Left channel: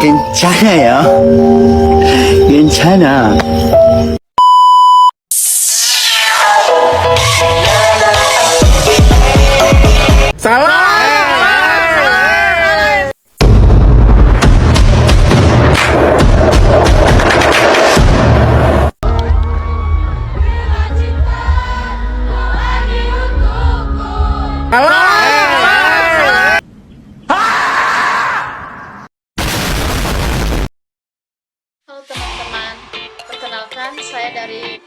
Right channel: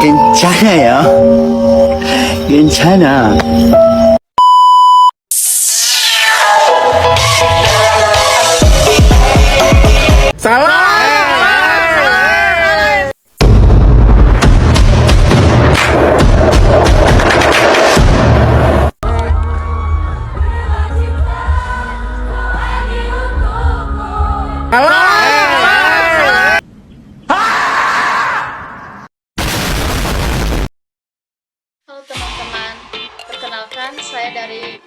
괜찮아요. 괜찮아. Halo teman-teman, perkenalkan saya dari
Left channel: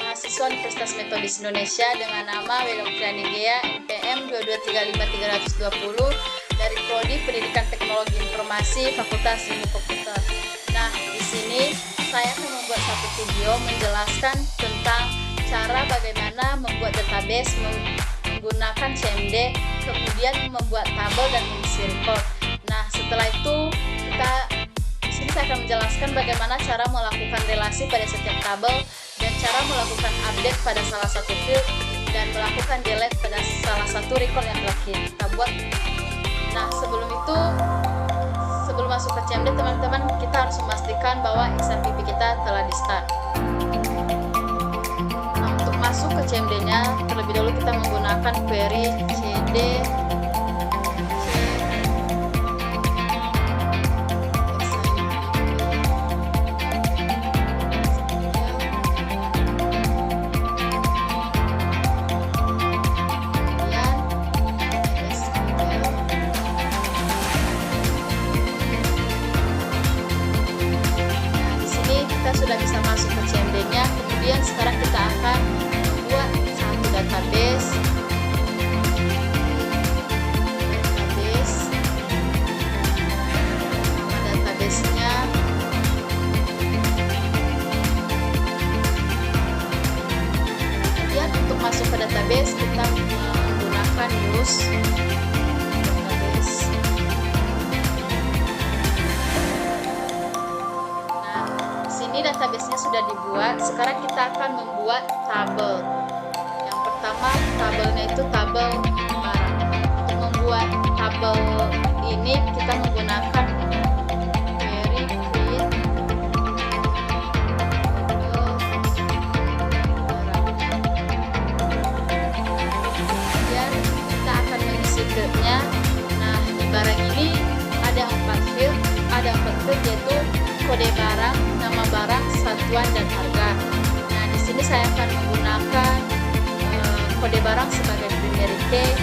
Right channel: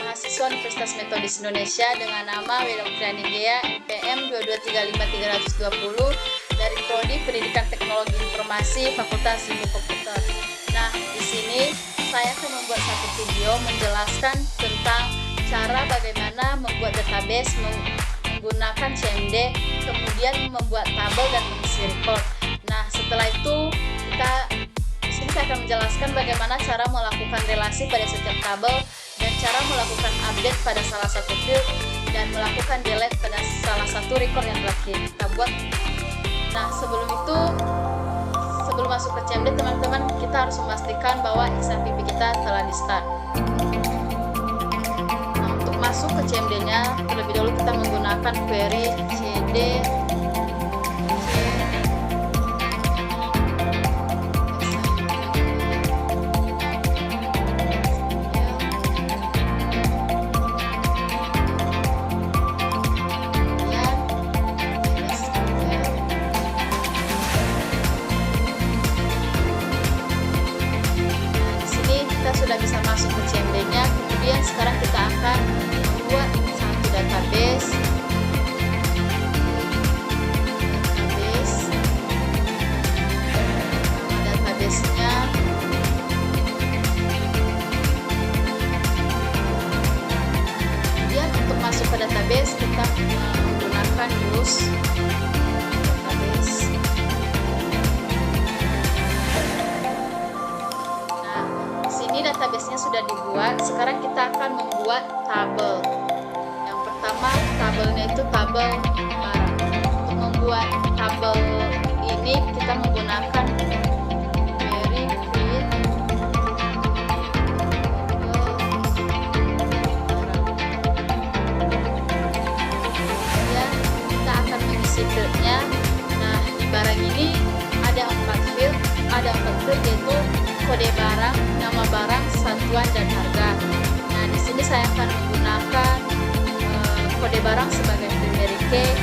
mahasiswa Universitas Metodis Indonesia dengan nama Wedoktriani Gea NPM 2235320 dari Prodi Pendidikan Teknologi Informasi Fakultas Ilmu Komputer. Nah, di sini saya akan membuat satu video menjelaskan tentang cara bagaimana membuat database menggunakan CMD, kemudian membuat tabel dan mengisi record. Nah, setelah itu di sini saya akan menjelaskan bagaimana cara melakukan relasi pada setiap tabel dan cara melakukan update pada salah satu field dan melakukan delete pada salah satu record yang telah kita buat. Nah, sebelum masuk ke CMD, teman-teman, kita harus memastikan bahwa XMPP kita telah di start. Nah, untuk masuk ke CMD-nya, terlebih dahulu kita menggunakan query cd kita sudah bisa masuk ke CMD-nya. Kemudian sekarang kita akan membuat satu database. Nama database-nya kemudian untuk masuk ke database kita menggunakan use database. Ini database-nya sudah dibuat. Sekarang kita akan membuat tabel. Yang pertama, tabelnya itu tabel barang. Untuk membuat tabel ini kita menggunakan query create tabel barang. Kemudian kita akan mengisi field-nya. Nah, di barang ini ada 4 field yaitu kode barang, nama barang, satuan, dan harga. Nah, di sini saya akan menggunakan kode barang sebagai primary key.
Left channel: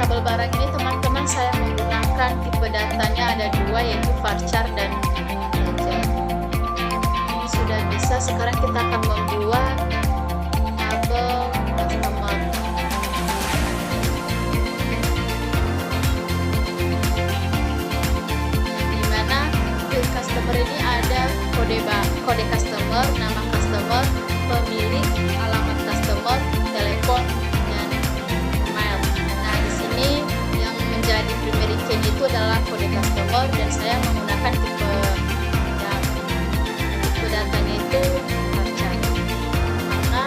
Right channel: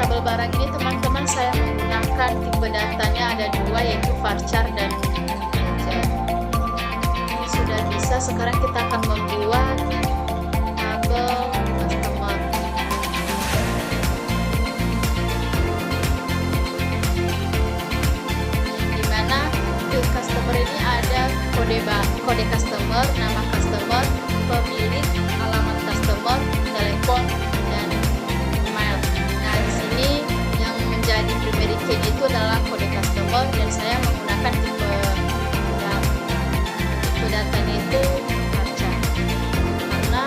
Tabel barang ini teman-teman saya menggunakan tipe datanya ada 2 yaitu varchar dan integer. Sudah bisa, sekarang kita akan membuat tabel customer. Yang dimana field customer ini ada kode customer, nama customer, pemilik, alamat customer, telepon, dan email. Nah, di sini yang menjadi primary key itu adalah kode customer dan saya menggunakan tipe datanya itu varchar. Karena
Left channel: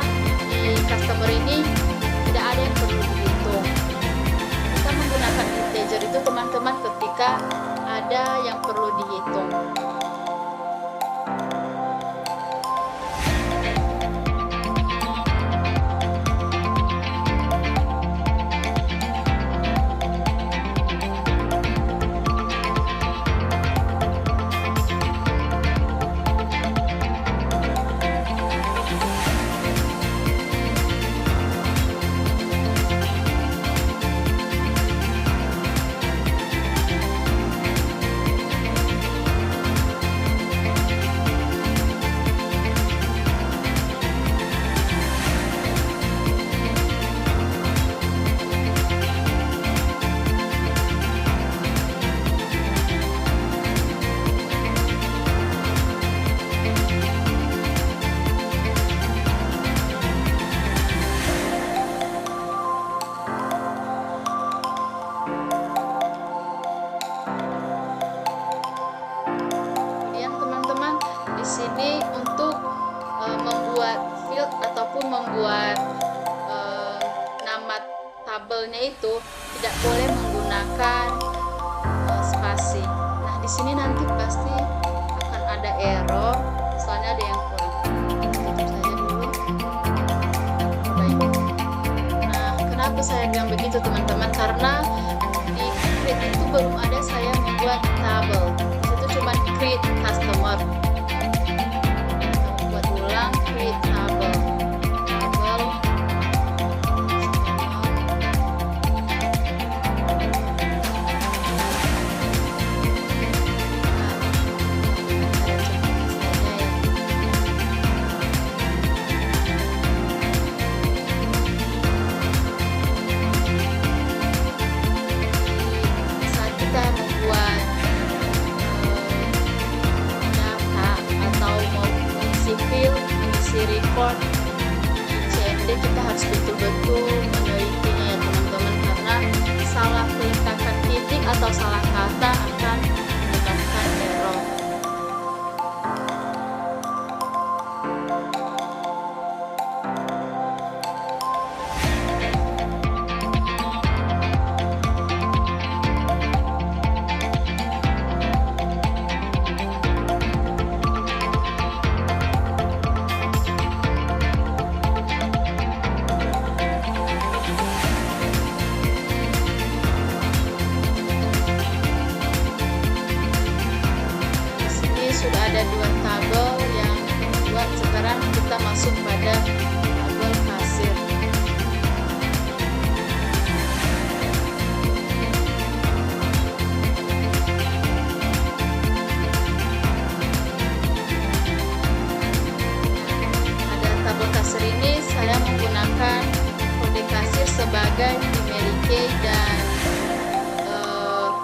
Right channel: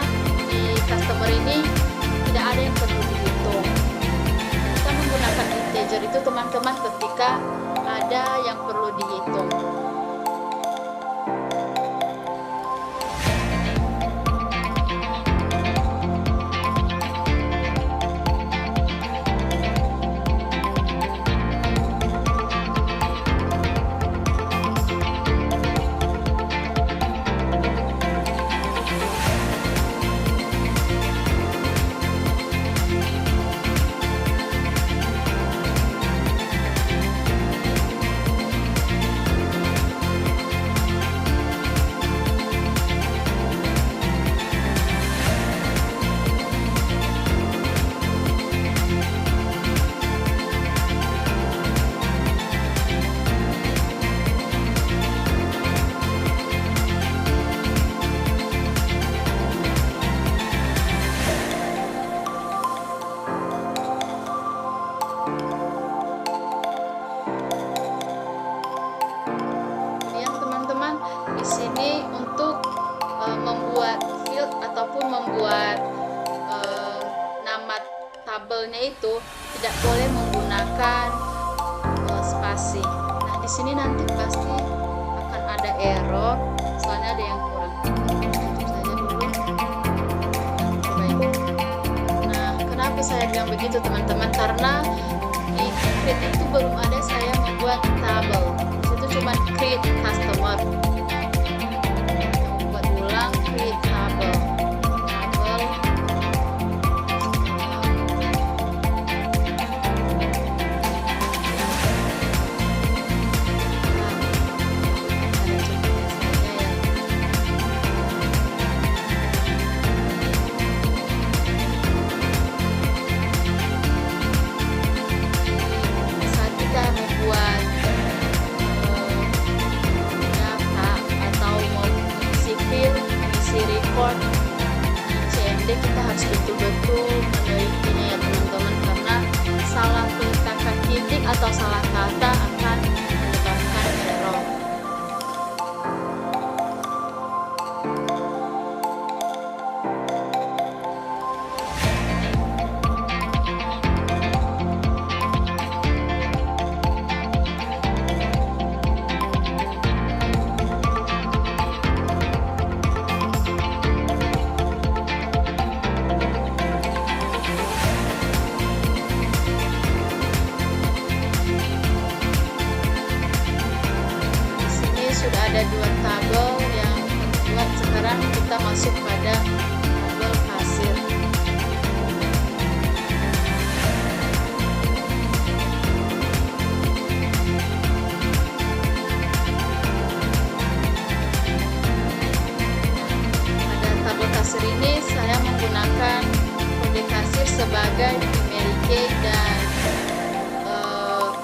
di customer ini tidak ada yang perlu dihitung. Kita menggunakan integer itu teman-teman ketika ada yang perlu dihitung. field ataupun membuat nama tabelnya itu tidak boleh menggunakan spasi. Nah, di sini nanti pasti akan ada error, soalnya ada yang kurang. Tutup saja dulu. Perbaiki. Nah, kenapa saya bilang begitu teman-teman? Karena di create itu belum ada saya membuat tabel. Di situ cuma create customer. Kita buat ulang create tabel. Mengisi record di CMD, kita harus betul-betul menelitinya ya teman-teman, karena salah peletakan titik atau salah kata akan menyebabkan error. Sudah ada dua tabel yang terbuat. Sekarang kita masuk pada tabel kasir. Pada tabel kasir ini saya menggunakan kode kasir sebagai primary key dan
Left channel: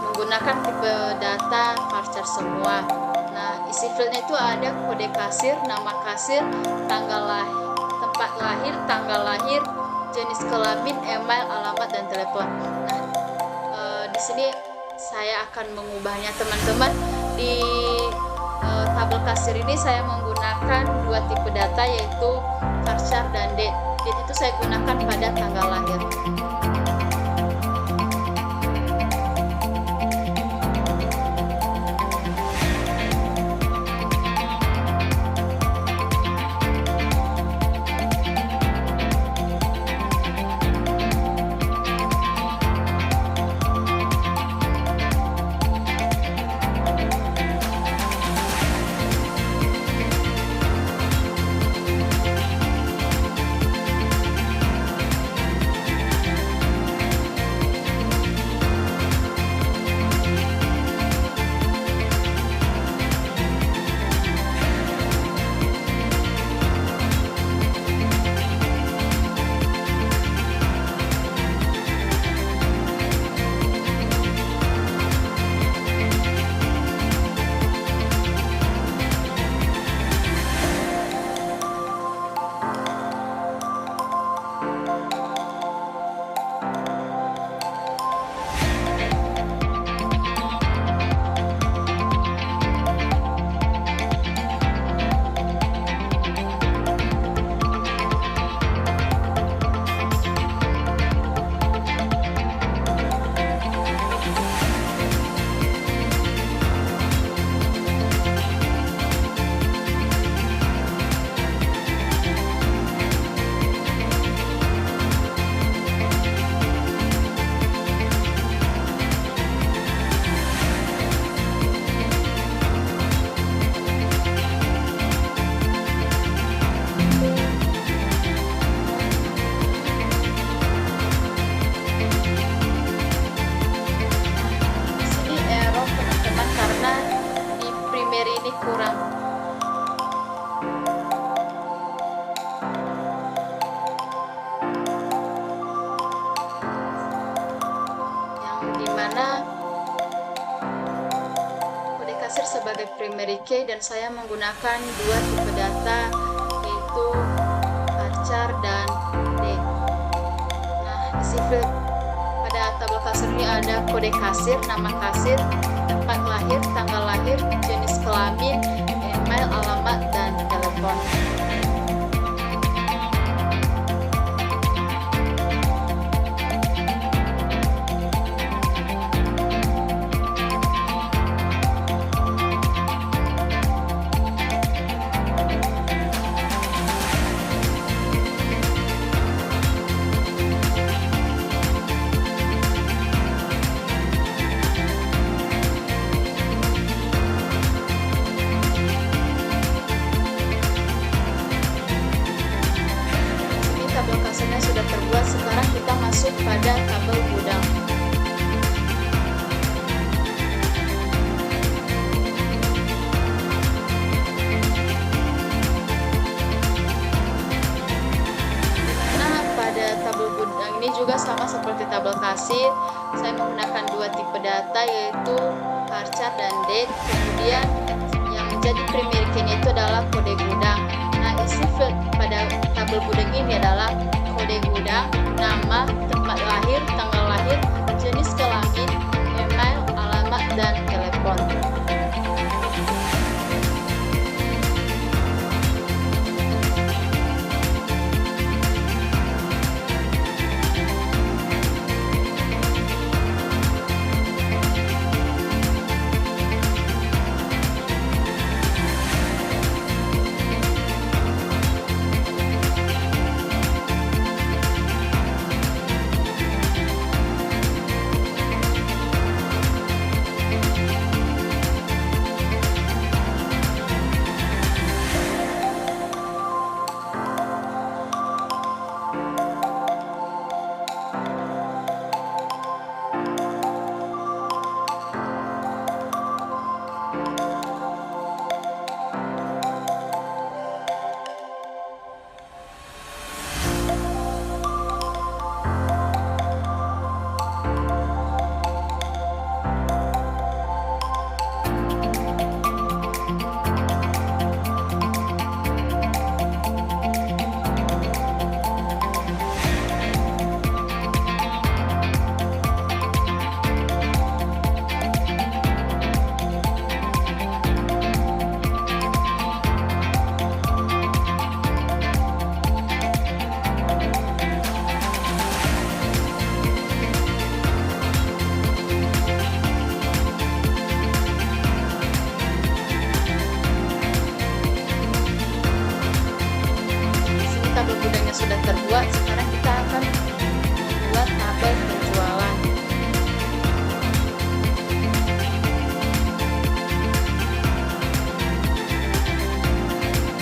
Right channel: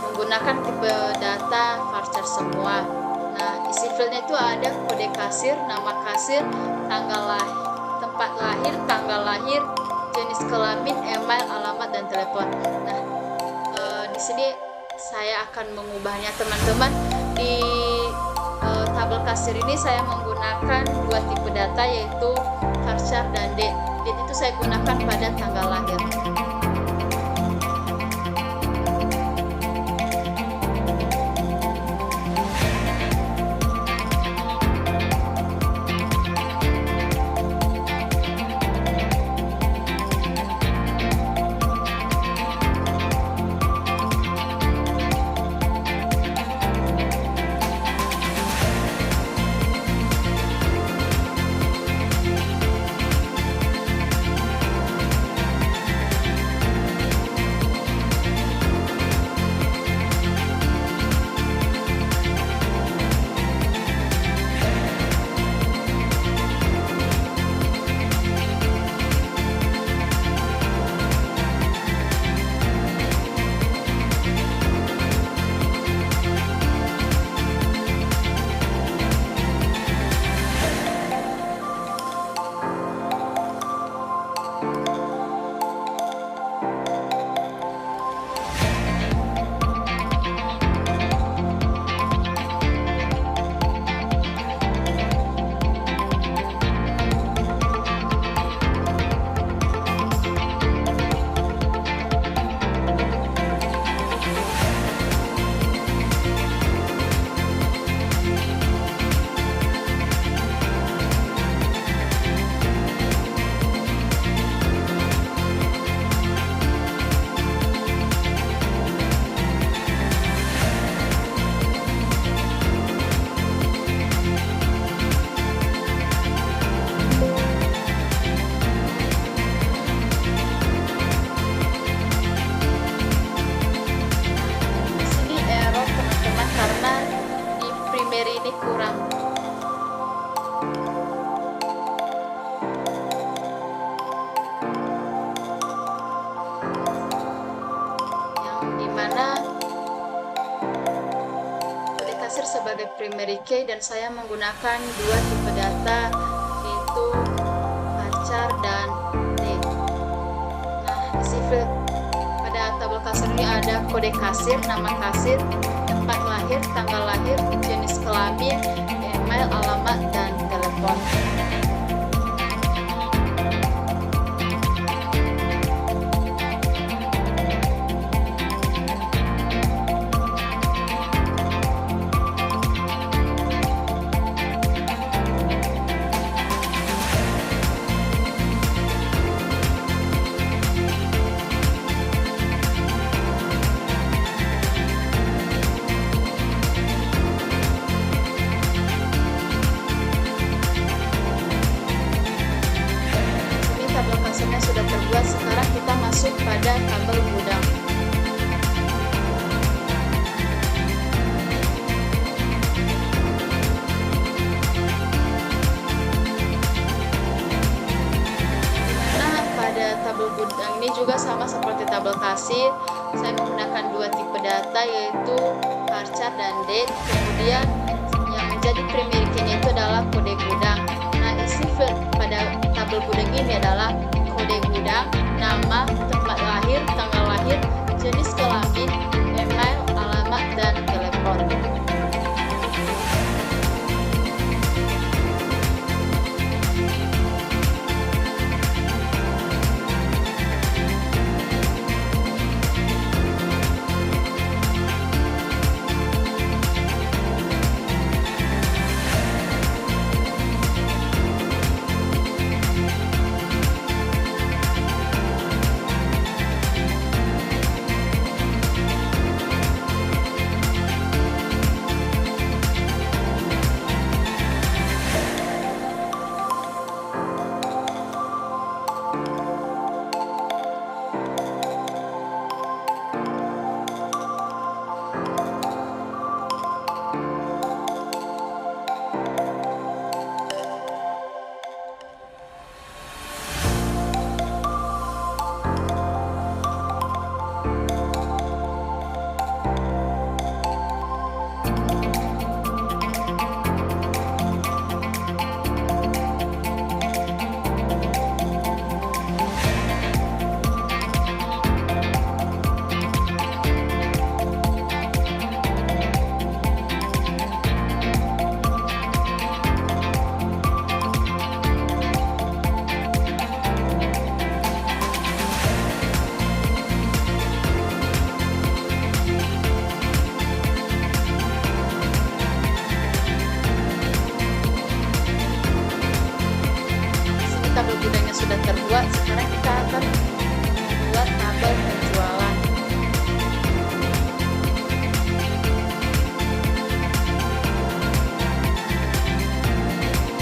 menggunakan tipe data varchar semua. Nah, isi fieldnya itu ada kode kasir, nama kasir, tanggal lahir, tempat lahir, tanggal lahir, jenis kelamin, email, alamat, dan telepon. Nah, di sini saya akan mengubahnya teman-teman. Di tabel kasir ini saya menggunakan dua tipe data, yaitu varchar dan date. Date itu saya gunakan pada tanggal lahir. ini kurang. Yang dimana kode kasir sebagai primary key dan saya menggunakan dua tipe data, yaitu varchar dan date. Nah, isi field pada tabel kasir ini ada kode kasir, nama kasir, tempat lahir, tanggal lahir, jenis kelamin, email, alamat, dan telepon. tabel kasarnya sudah terbuat. Sekarang kita masuk pada tabel gudang. Pada tabel gudang ini juga sama seperti tabel kasir, saya menggunakan dua tipe data, yaitu varchar dan date. Kemudian yang menjadi primary key-nya itu adalah kode gudang. Nah, isi field pada tabel gudang ini adalah kode gudang, nama, tempat lahir, tanggal lahir, jenis kelamin, email, alamat, dan telepon. Tabel gudangnya sudah terbuat. Sekarang kita akan membuat tabel penjualan.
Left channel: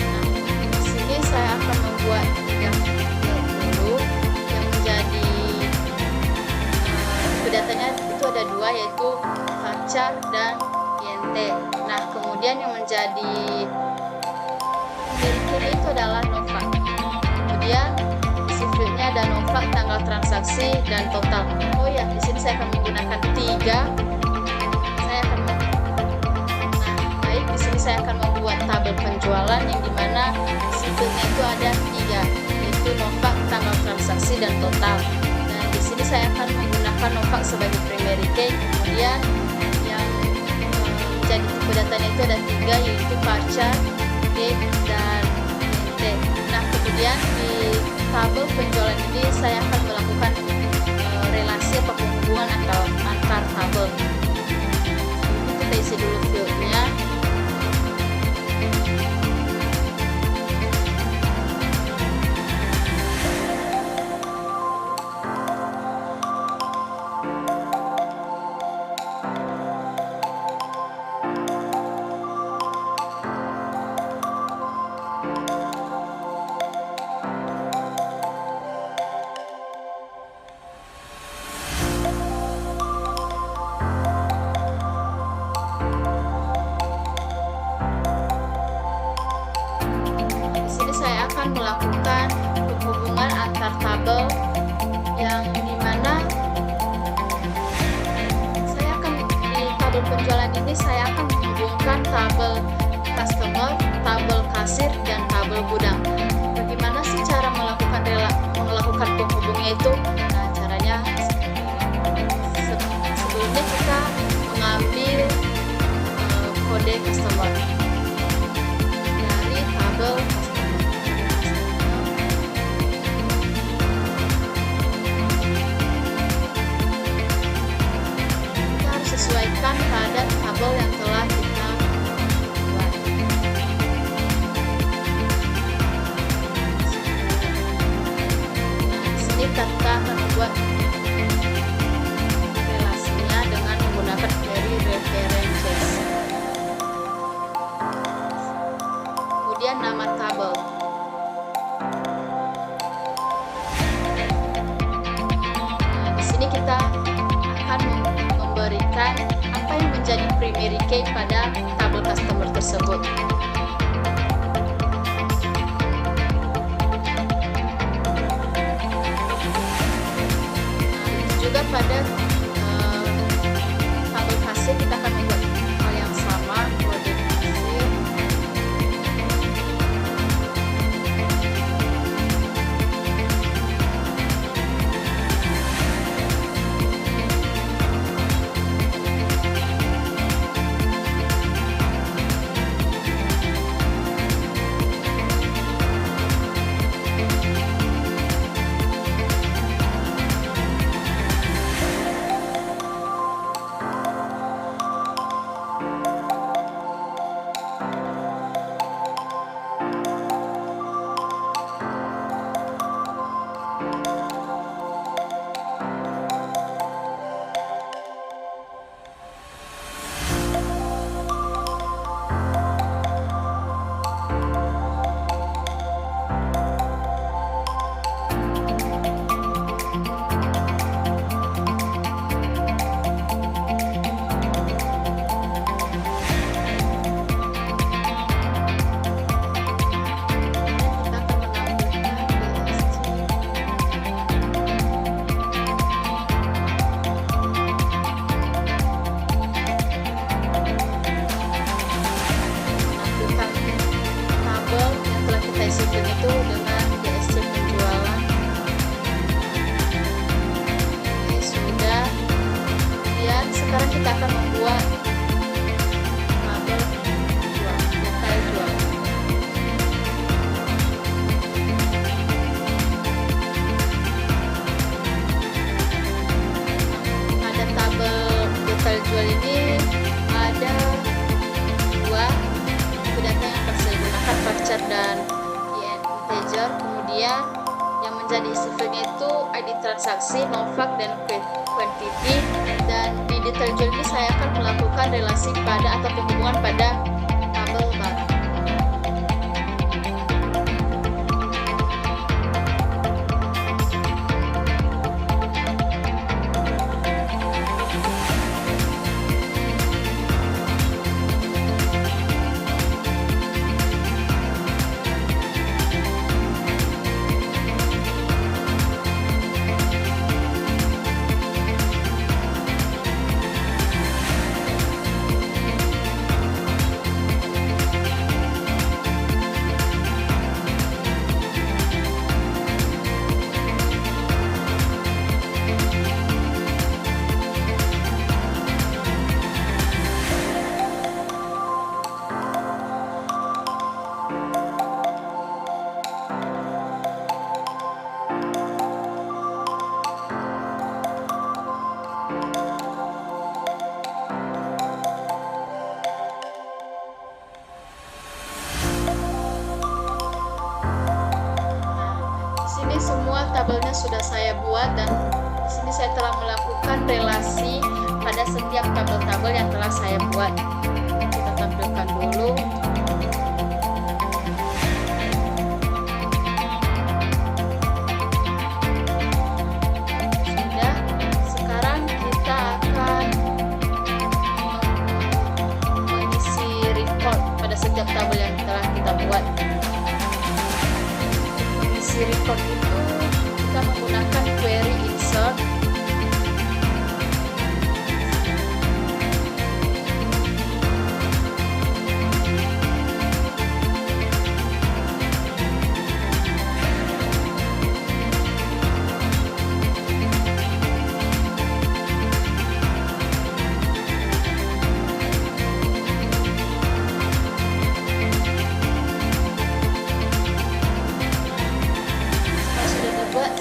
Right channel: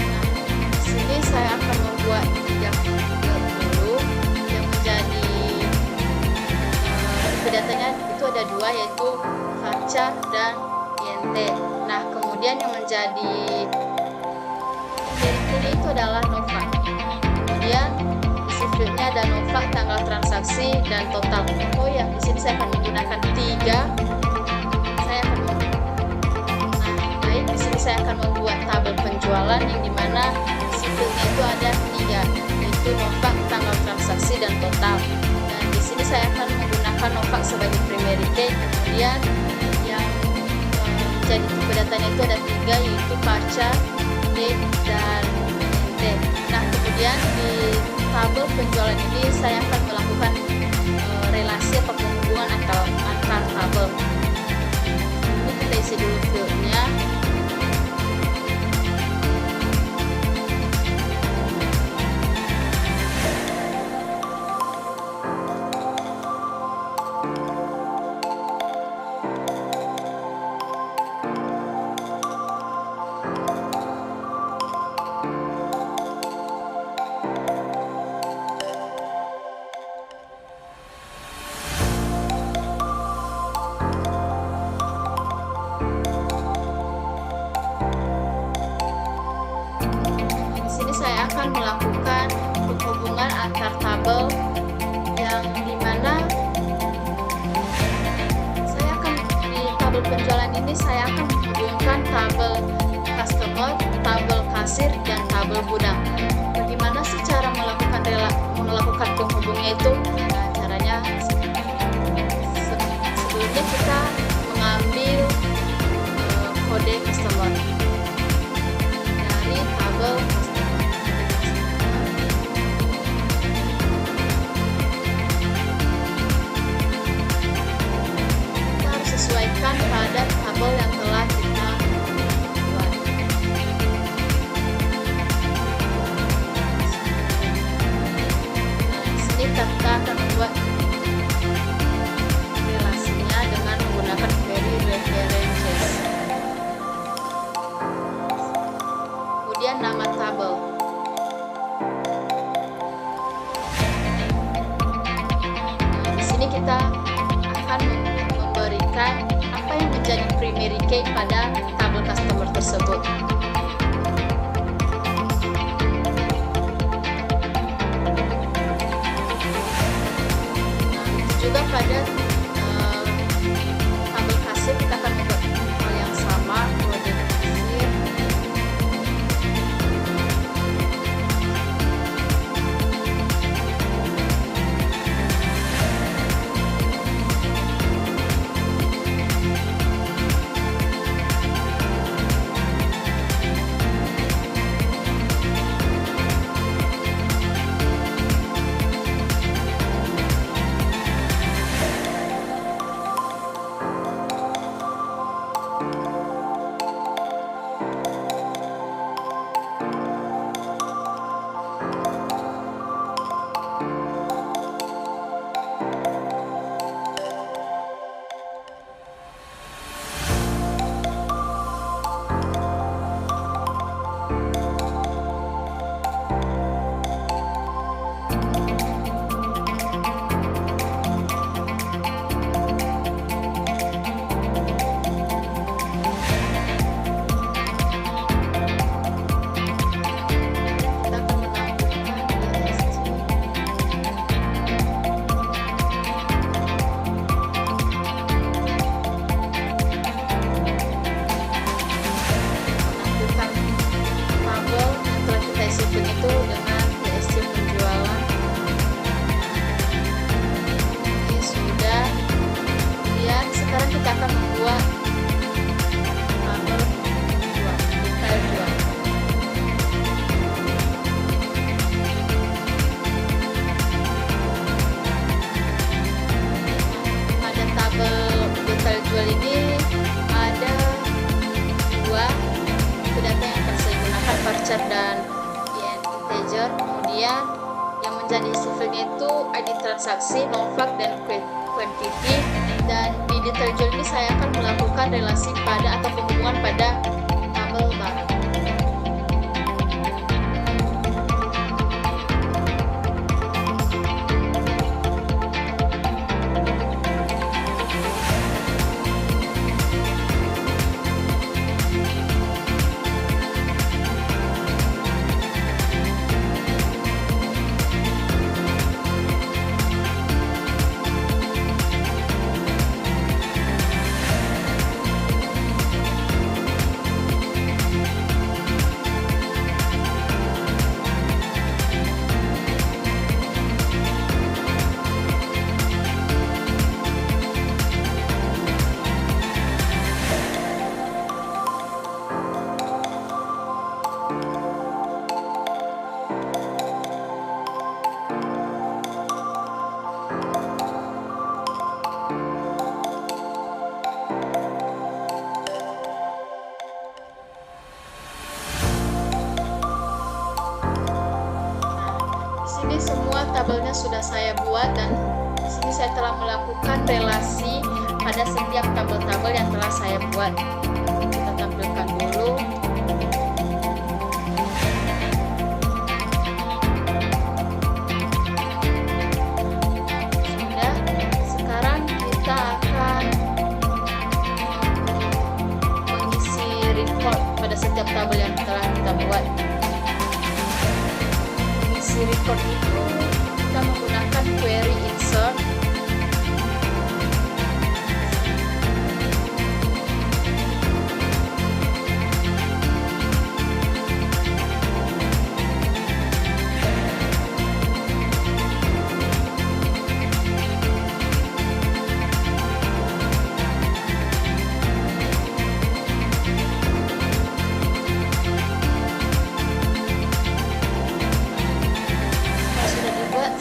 Nah, di sini saya akan membuat 3 field dulu yang menjadi tipe datanya itu ada 2, yaitu varchar dan int. Nah, kemudian yang menjadi primary key itu adalah Novak. Kemudian isi fieldnya ada Novak, tanggal transaksi, dan total. Oh ya, di sini saya akan menggunakan 3. Di sini saya akan membuat tabel penjualan yang dimana isi fieldnya itu ada 3, yaitu Novak, tanggal transaksi, dan total. Dan di sini saya akan menggunakan Novak sebagai primary key. Kemudian yang menjadi tipe datanya itu ada 3, yaitu varchar, date, dan int. Nah, kemudian di tabel penjualan ini saya akan melakukan relasi atau penghubungan atau antar tabel. Ini kita isi dulu fieldnya. Saya akan melakukan penghubungan antar tabel yang dimana saya akan di tabel penjualan ini saya akan menghubungkan tabel customer, tabel kasir, dan tabel gudang. Bagaimana sih cara melakukan penghubungnya itu? Nah, caranya sebelumnya kita mengambil kode customer dari tabel customer. Sesuaikan pada tabel yang telah kita buat. Nah, di sini kita akan membuat relasinya dengan menggunakan query references. Kemudian nama tabel. kita akan memberikan apa yang menjadi primary key pada tabel customer tersebut. Juga pada tabel kasir kita akan membuat hal yang sama, kode kasir. Shipping itu dengan DSC penjualan. Ini sudah. Kemudian sekarang kita akan membuat tabel jual, detail jual. Pada tabel detail jual ini ada dua data yang akan saya gunakan, varchar dan integer. Kemudian yang menjadi isi filenya itu ID transaksi, non fact dan quantity. Dan di detail jual ini saya akan melakukan relasi pada atau penghubungan pada tabel barang. Di sini semua tabelnya sudah saya buat dan di sini saya telah melakukan relasi pada setiap tabel-tabel yang telah saya buat. Kita tampilkan dulu. Sudah. Sekarang kita akan mengisi record pada setiap tabel yang telah kita buat. Record itu kita menggunakan query insert.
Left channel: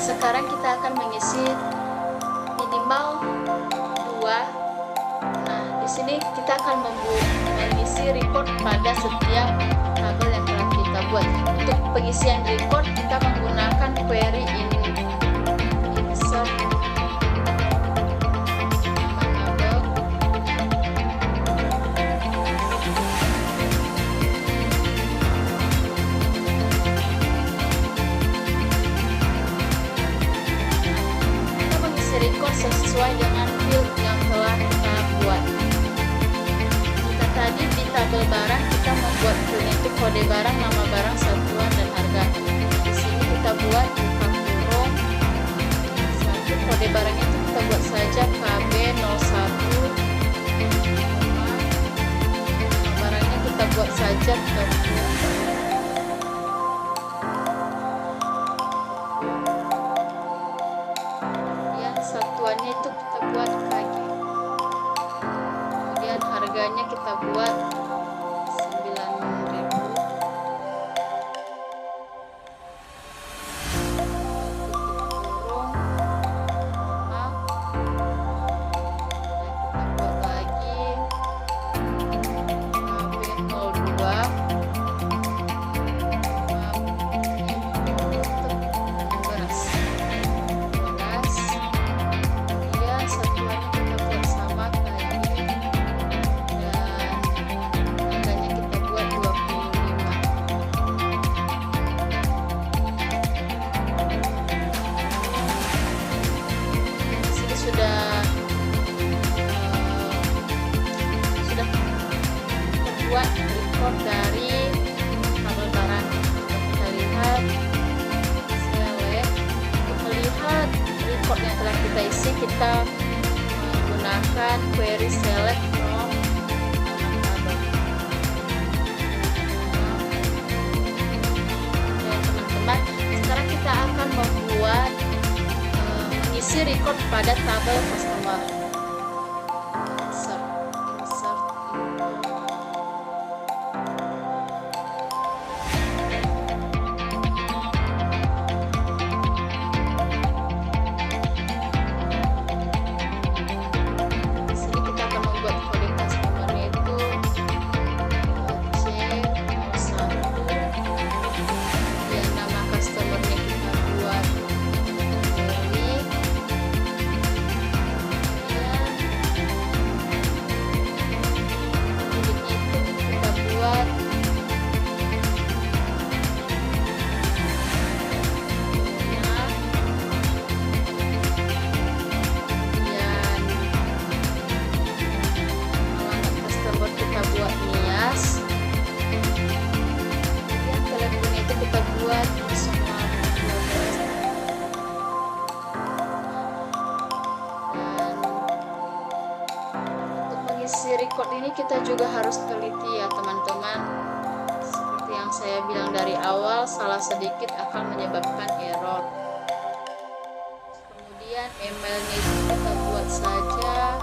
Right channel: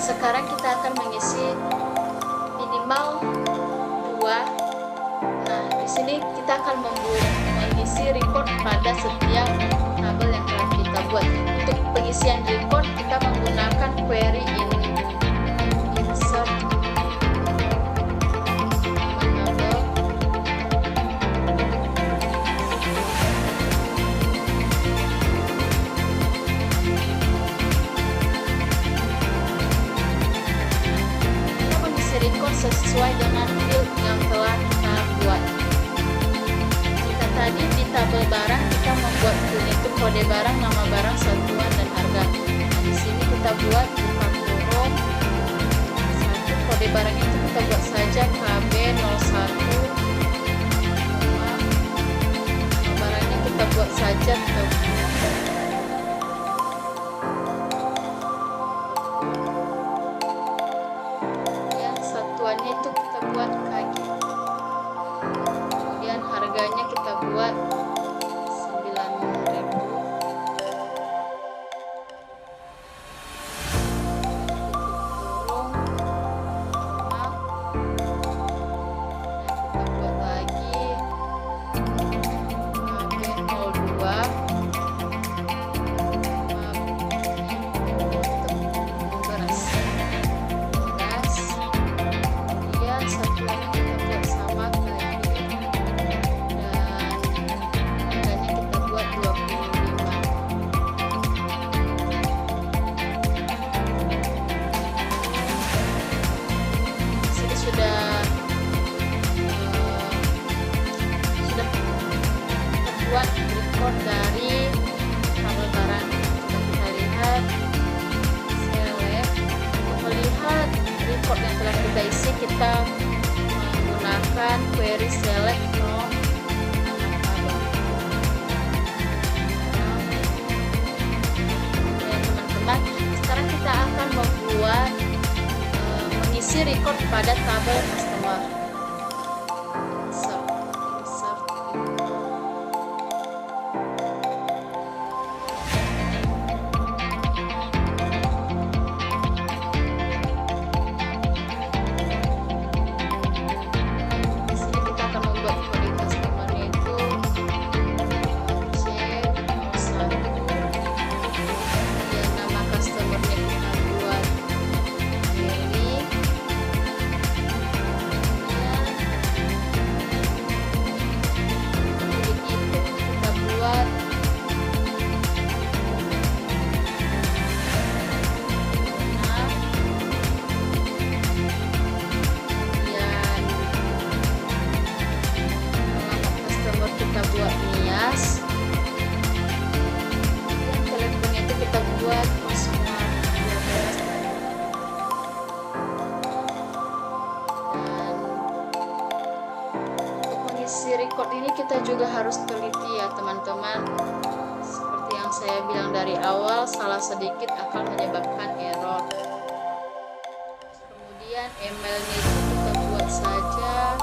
Sekarang kita akan mengisi minimal 2. Nah, di sini kita akan mengisi record pada setiap tabel yang telah kita buat. Untuk pengisian record kita menggunakan query insert nama tabel. Record sesuai dengan field yang telah kita buat. Jika tadi di tabel barang kita membuat field itu kode barang, nama barang, satuan, dan harga. Di sini kita buat buka kurung satu, kode barangnya itu kita buat saja KB01, nama barangnya kita buat saja tepung. Satuannya itu kita buat KG, kemudian harganya kita buat 9.000, tutup kurung, normal, nah kita buat lagi KB02, beras, satuannya kita buat sama KG, dan harganya kita buat 25. Sini sudah terbuat record dari tabel barang. Coba kita lihat, select. Untuk melihat record yang telah kita isi, kita menggunakan query select from tabel. Ya teman-teman, sekarang kita akan membuat mengisi record pada tabel customer. Insert info. Kita buat Nias, kemudian teleponnya itu kita buat 0812, dan untuk mengisi record ini kita juga harus teliti ya teman-teman. Seperti yang saya bilang dari awal, salah sedikit akan menyebabkan error. Kemudian emailnya itu kita buat saja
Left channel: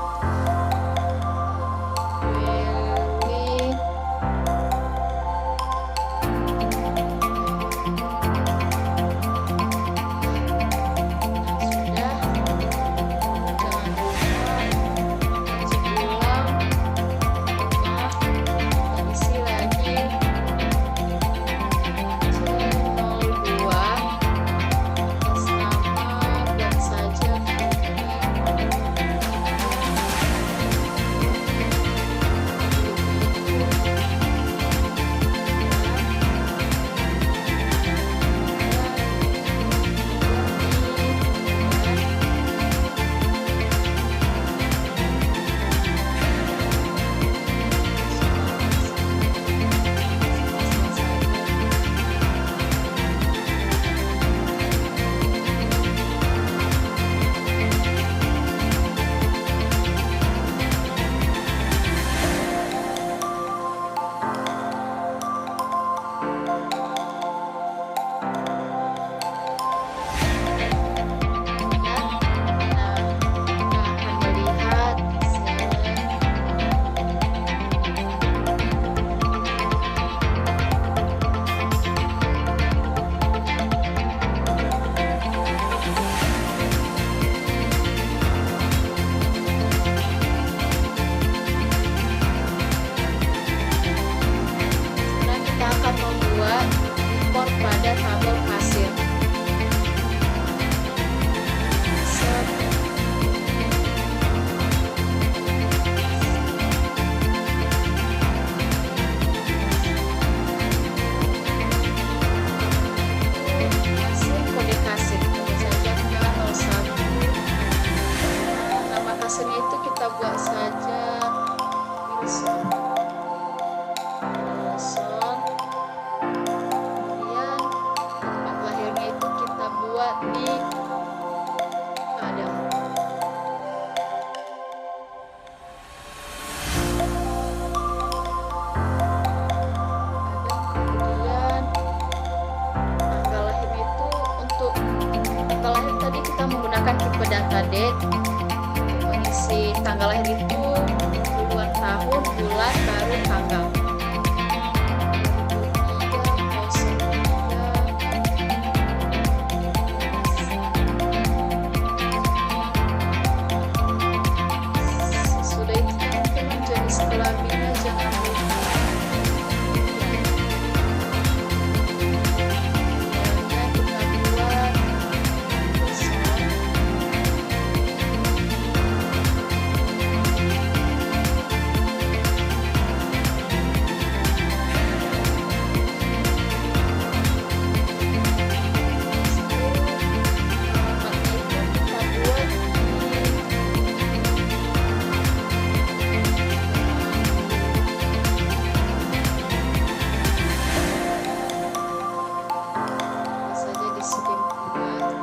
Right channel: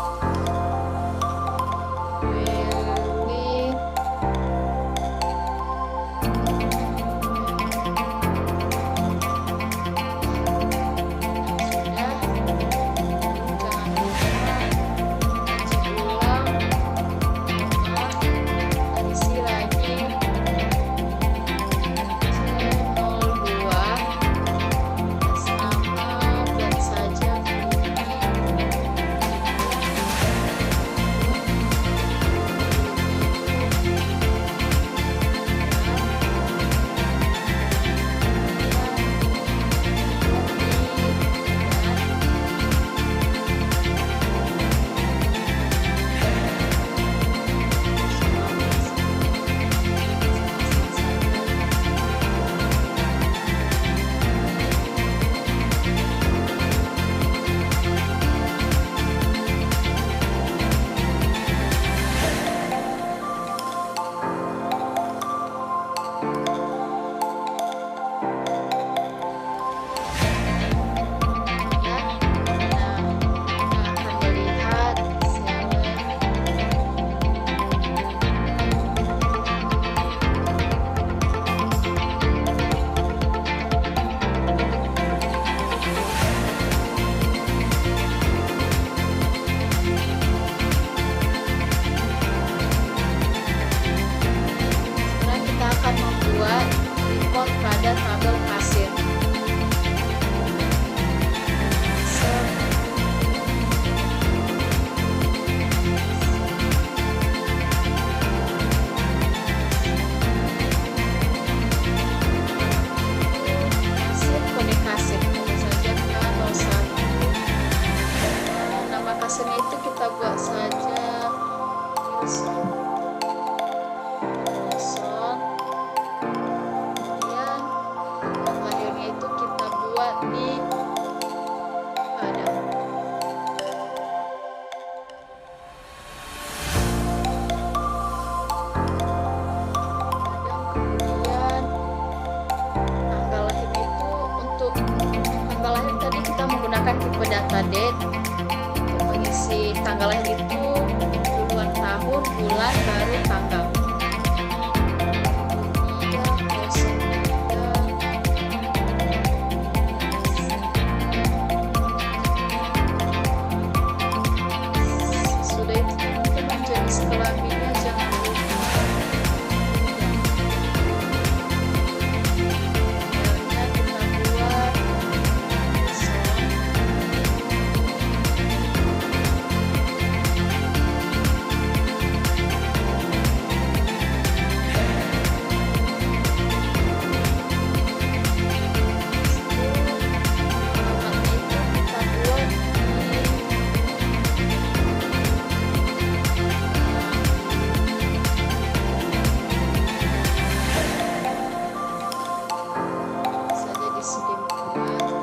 buat di Padang. Kemudian tanggal lahir itu, untuk tanggal lahir tadi kita menggunakan tipe data date. Untuk mengisi tanggal lahir itu duluan tahun, bulan, baru tanggal. 2003 sudah itu teman-teman, jadi kelaminnya jangan lupa. Emailnya kita buat kosong. Alamatnya itu kita buat saja di Sudirman.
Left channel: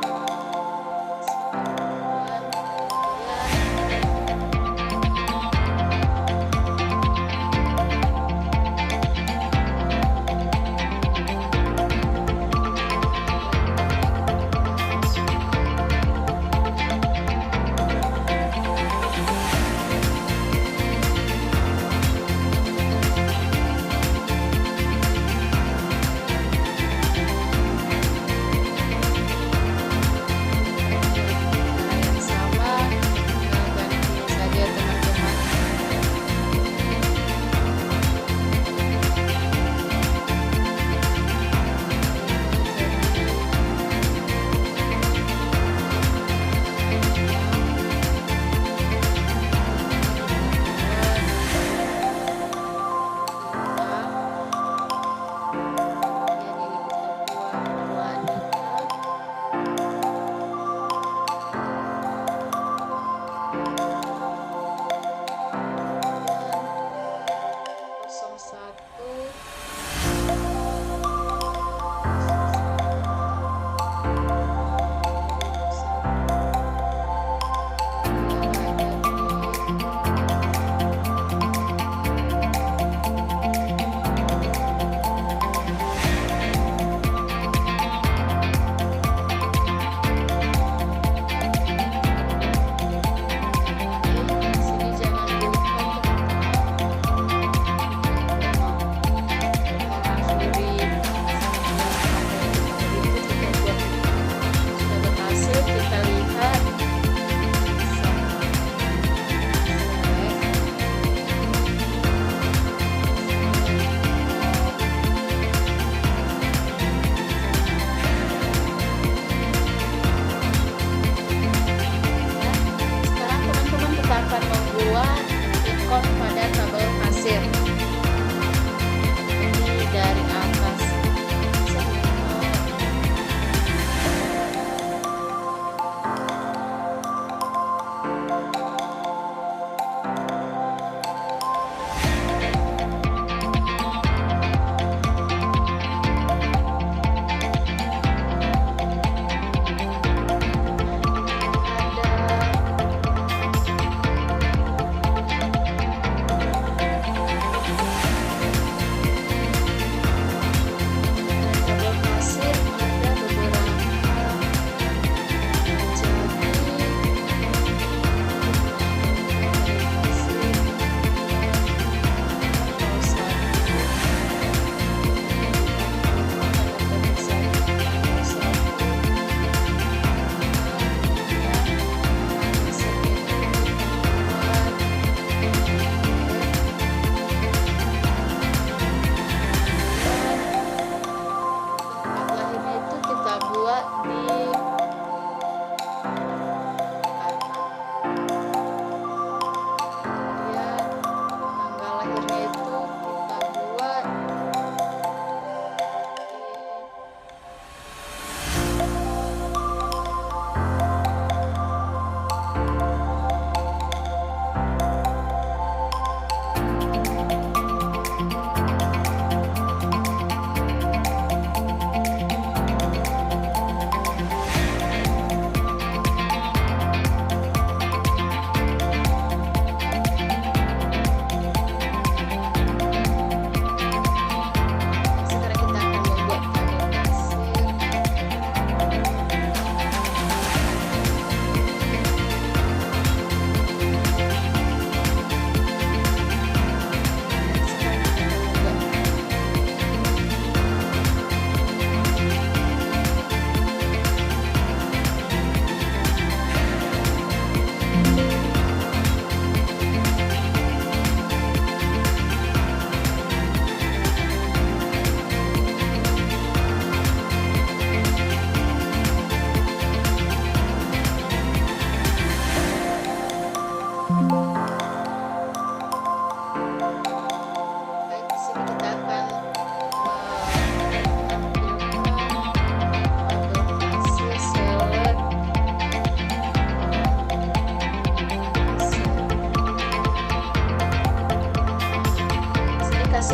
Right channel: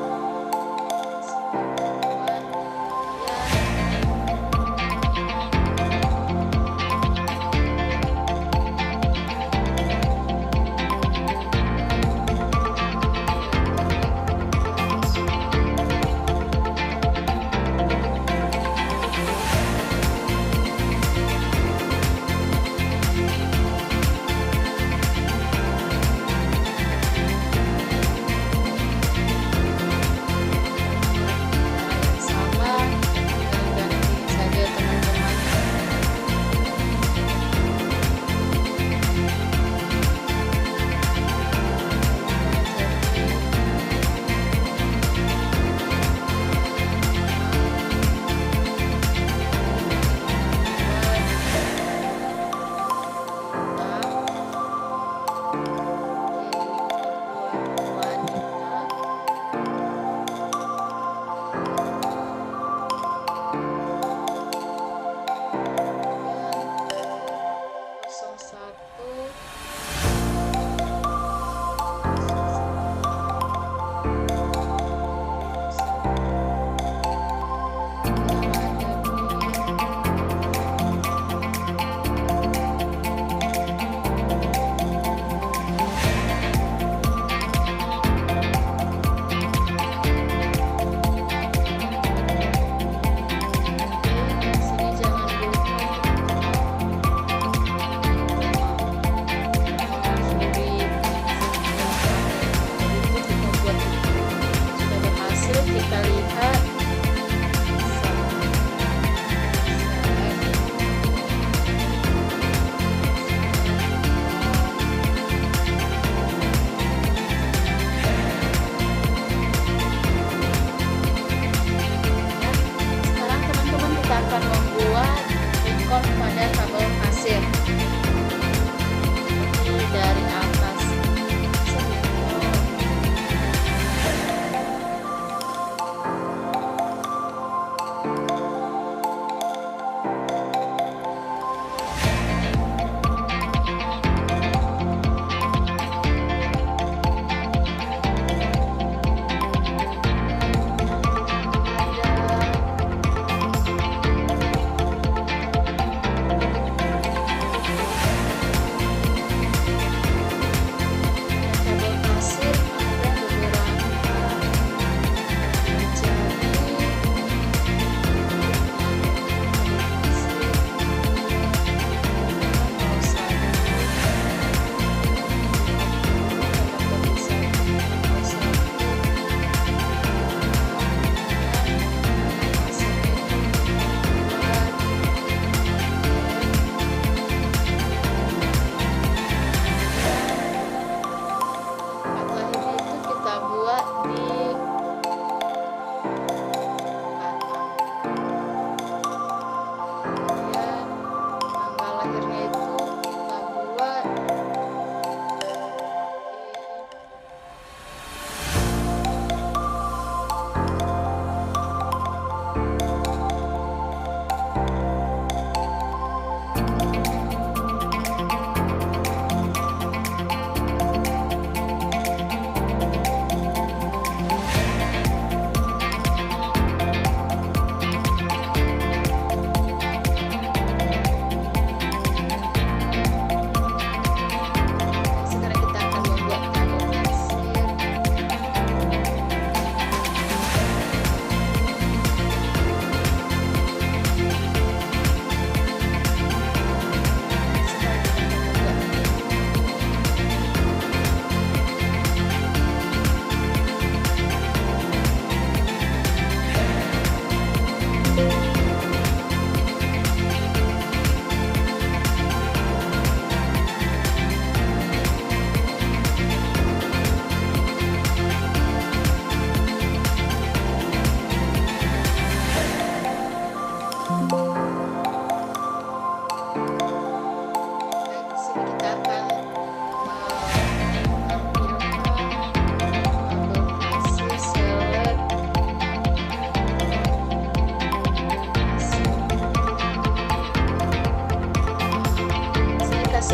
Yang sama, tinggal ganti saja teman-teman. Sini jangan lupa sudah berhasil. Kita lihat. Sekarang teman-teman kita akan membuat ikon pada tabel kasir. Ini dari atas.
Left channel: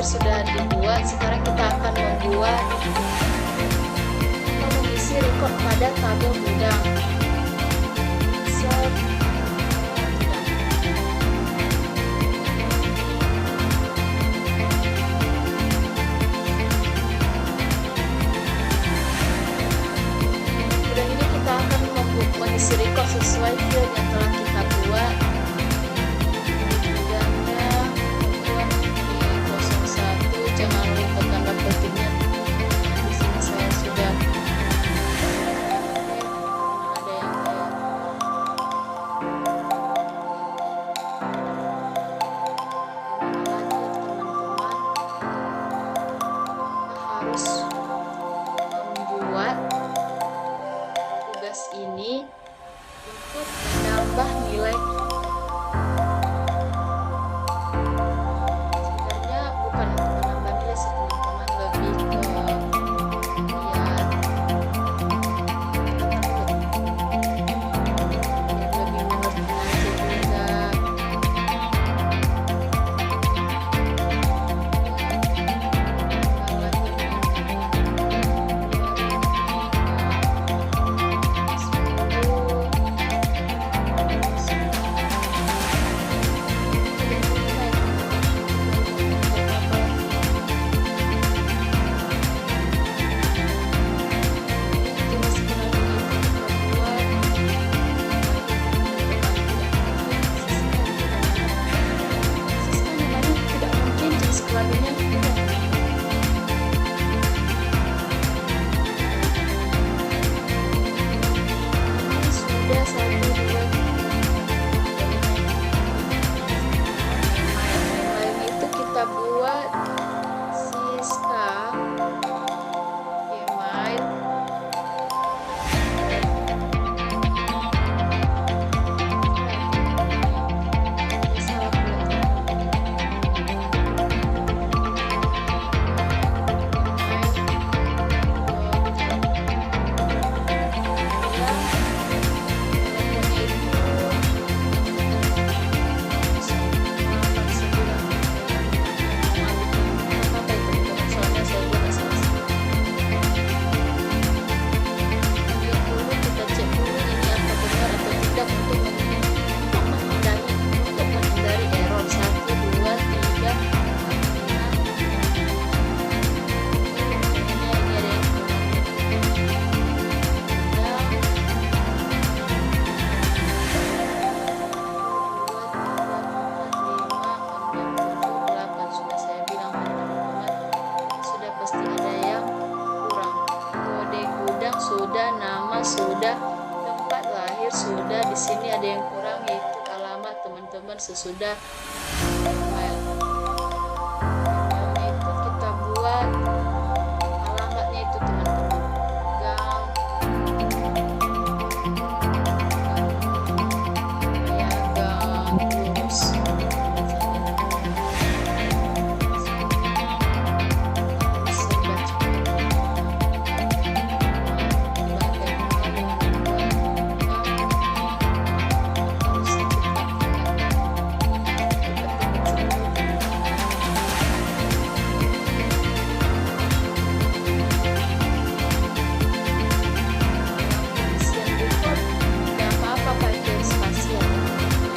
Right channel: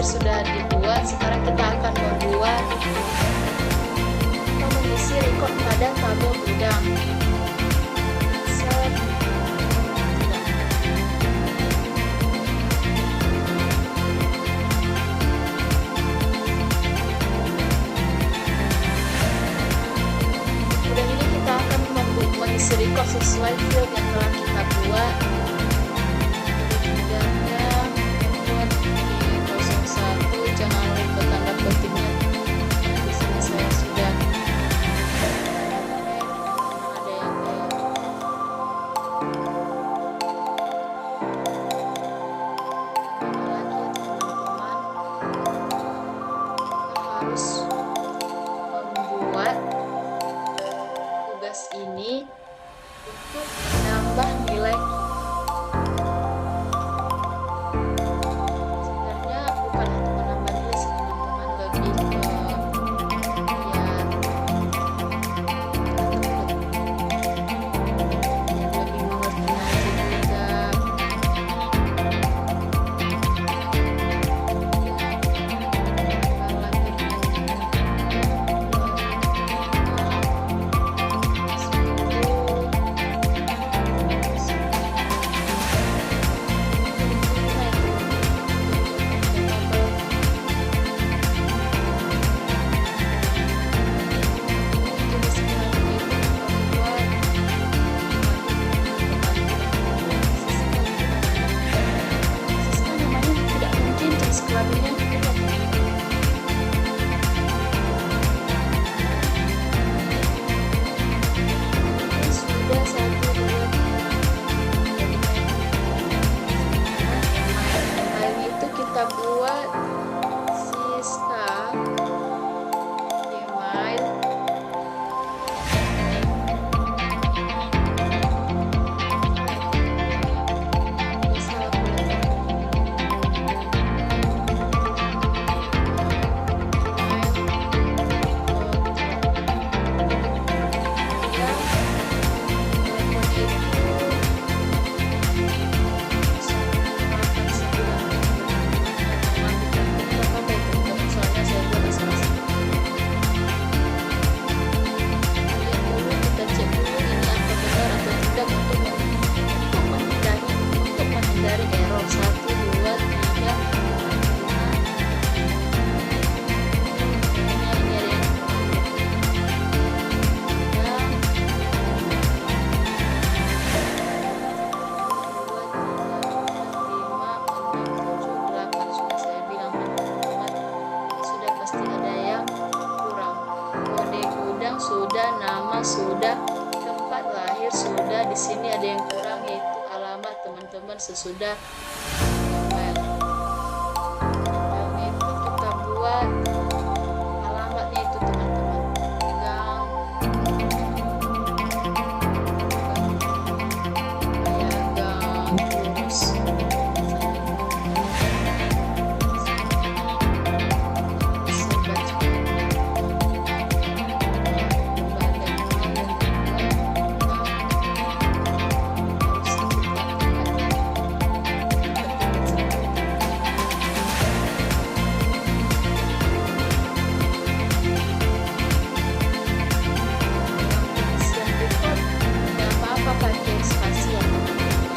sudah dibuat. Sekarang kita akan membuat atau mengisi record pada tabel gudang. Insert gudang. Gudang ini kita akan mengisi record sesuai field yang telah kita buat. Gudangnya membuat di 01, jangan lupa tanda petiknya. Di sini saya sudah ada yang kayak mana lagi teman-teman, kita harus membuat tugas ini untuk menambah nilai kita. Sebenarnya bukan untuk menambah nilai sih teman-teman, lebih ke biar lebih mengerti aja juga. Tanggal lahirnya 10 kelaminnya tidak ini sudah 1, 2, 3. Lain itu kita buat Siska email untuk menghindari error 1, 2, 3, 4, 5. Kayaknya ini ada yang kurang deh. Dan 1, 2, 3, 4, 5, 6, 7, 8. Sudah saya bilang teman-teman, sudah pasti ada yang kurang. Kode gudang sudah, nama sudah, tempat lahir sudah. Di sini ada yang kurang, yaitu alamat teman-teman sesudah email. Emailnya itu kita buat alamatnya itu teman-teman. Gang lurus. Harus serba cepat. Berbagai hal yang membuat harus pengisian record nggak apa-apa pakai spasi ya teman-teman ya.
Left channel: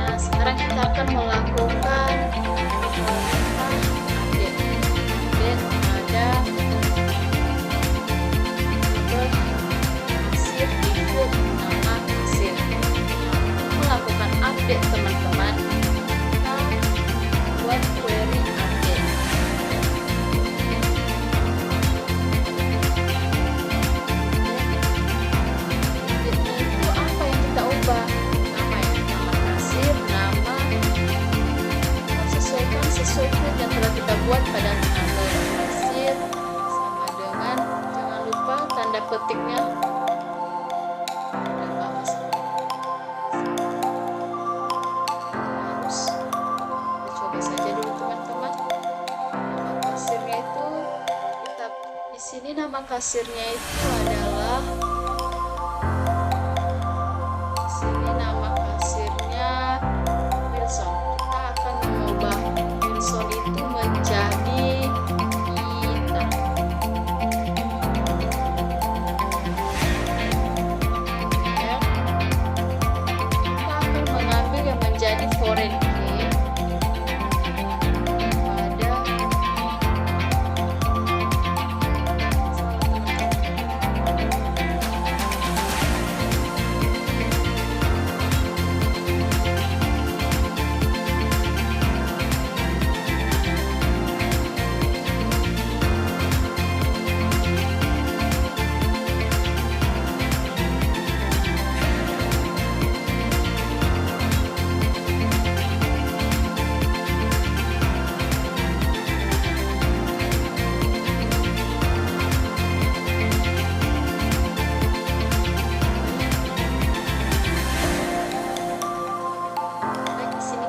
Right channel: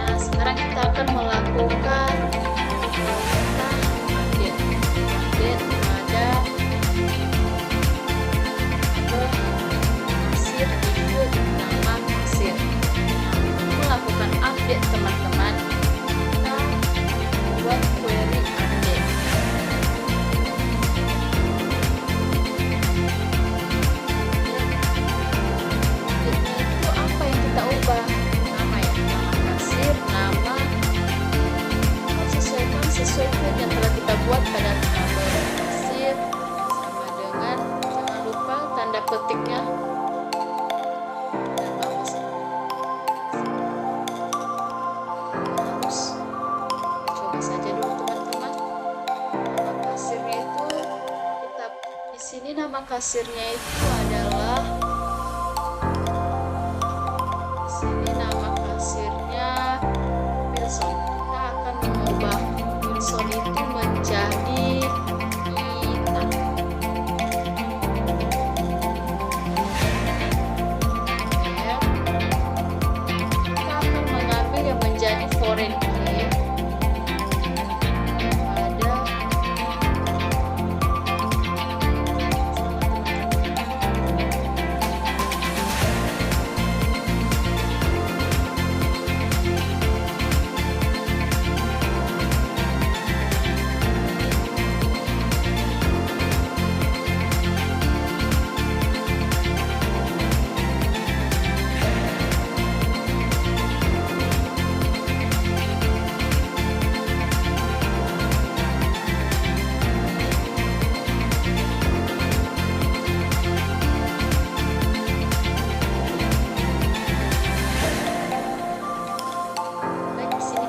Nah, sekarang kita akan melakukan perintah update pada tabel kasir di field nama kasir. Nah, untuk melakukan update teman-teman, kita buat query update. software yang telah kita buat pada tabel kasir sama dengan, jangan lupa tanda petiknya. Kita coba saja dulu teman-teman. Nama kasirnya itu kita di sini, nama kasirnya itu adalah, di sini nama kasirnya Wilson. Kita akan mengubah Wilson itu menjadi Ita. Ya. Kita akan mengambil yang menjadi foreign key pada,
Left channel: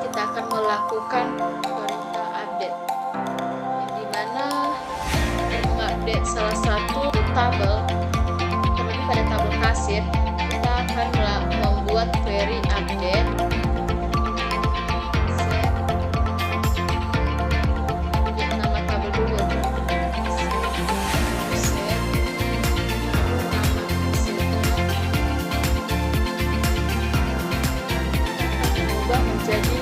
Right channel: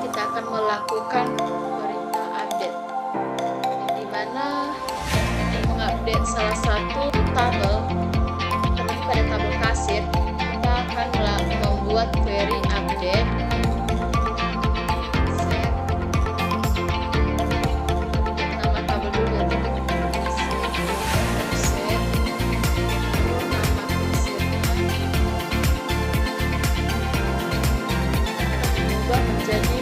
kita akan melakukan perintah update, yang dimana mengupdate salah satu tabel, terlebih pada tabel kasir. Kita akan membuat query update set nama tabel dulu ya teman-teman. Set lalu nama kasirnya kita akan mengubah menjadi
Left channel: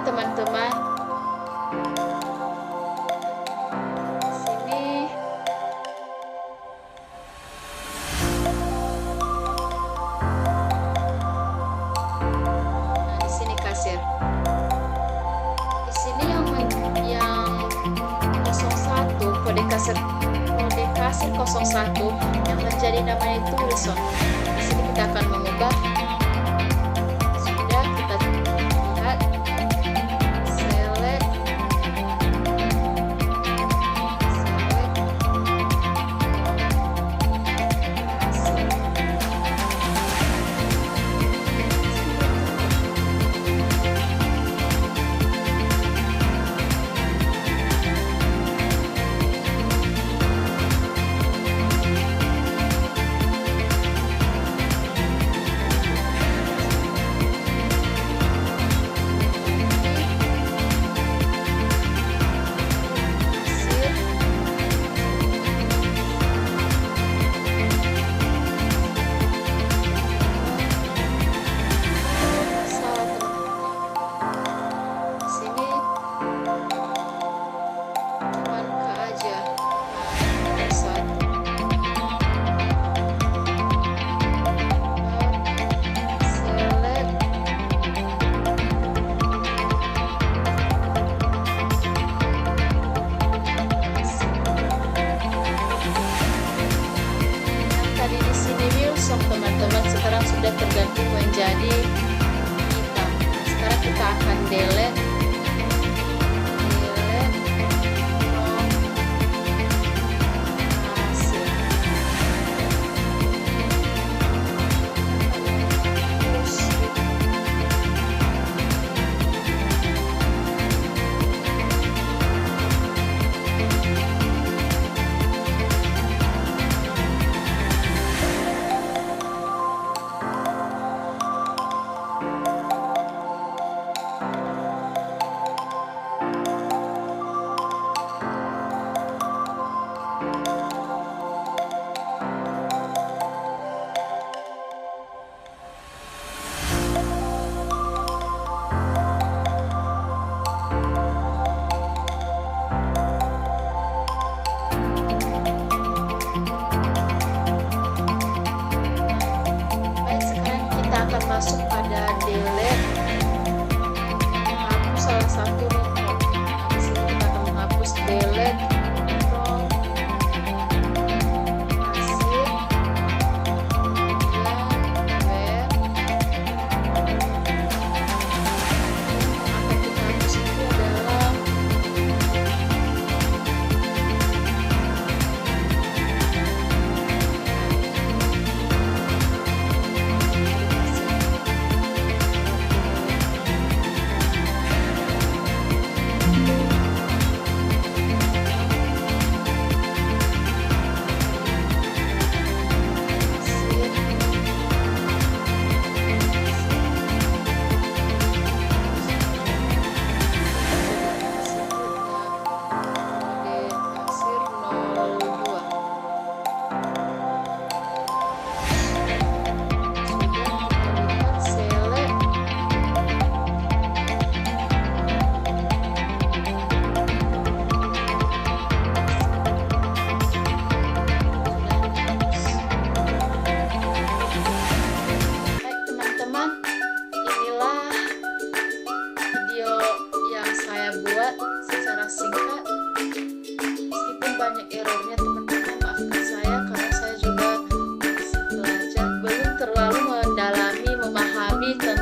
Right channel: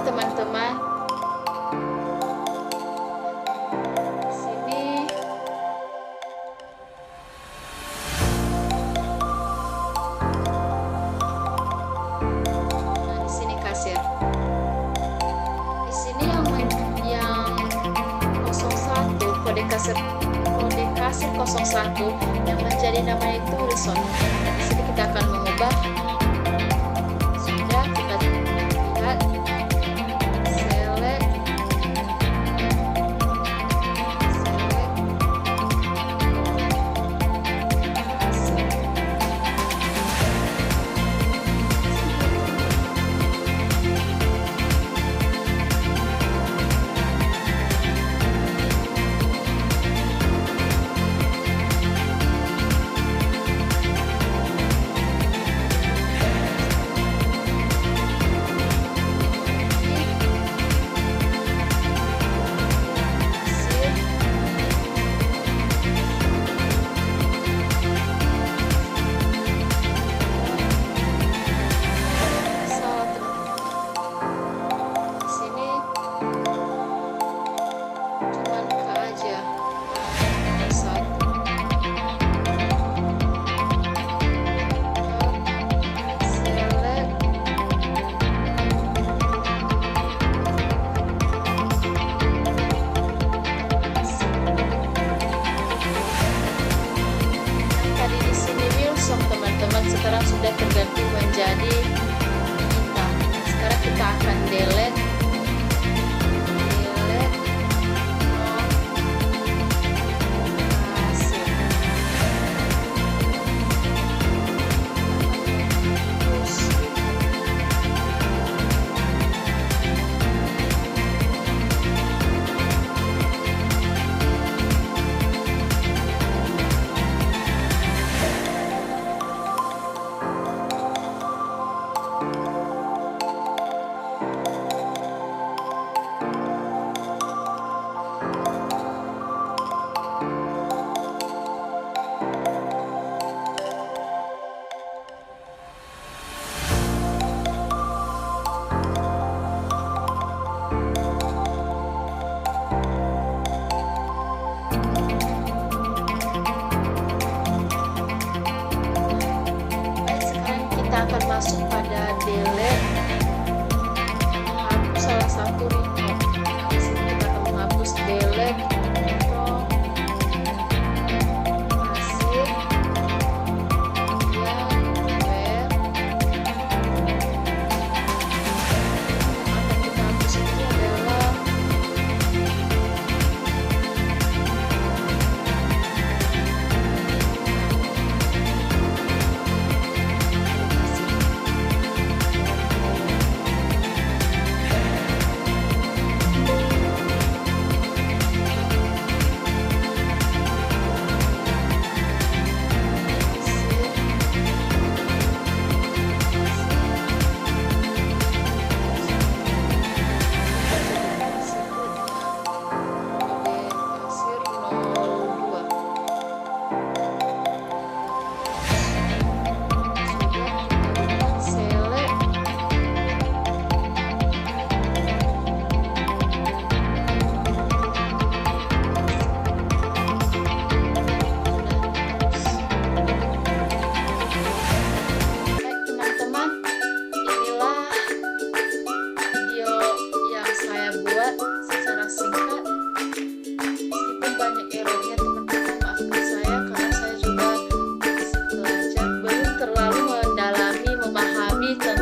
teman-teman. Sini nah, di sini kasir. Di sini yang 01 kode kasir 01 yang menjadi namanya itu Wilson. Di sini kita akan mengubah. Sudah kita lihat. Teman-teman sekarang sudah terganti menjadi hitam. Sekarang kita akan delete hasil. kita akan masuk pada delete, menghapus salah satu record. Di sini kita akan menghapus delete from hasil, kemudian where. Yang akan kita hapus itu adalah buat secara singkat, meskipun banyak errornya teman-teman, maafkan saya karena saya juga masih belajar, belum terlalu mendalami memahami tentang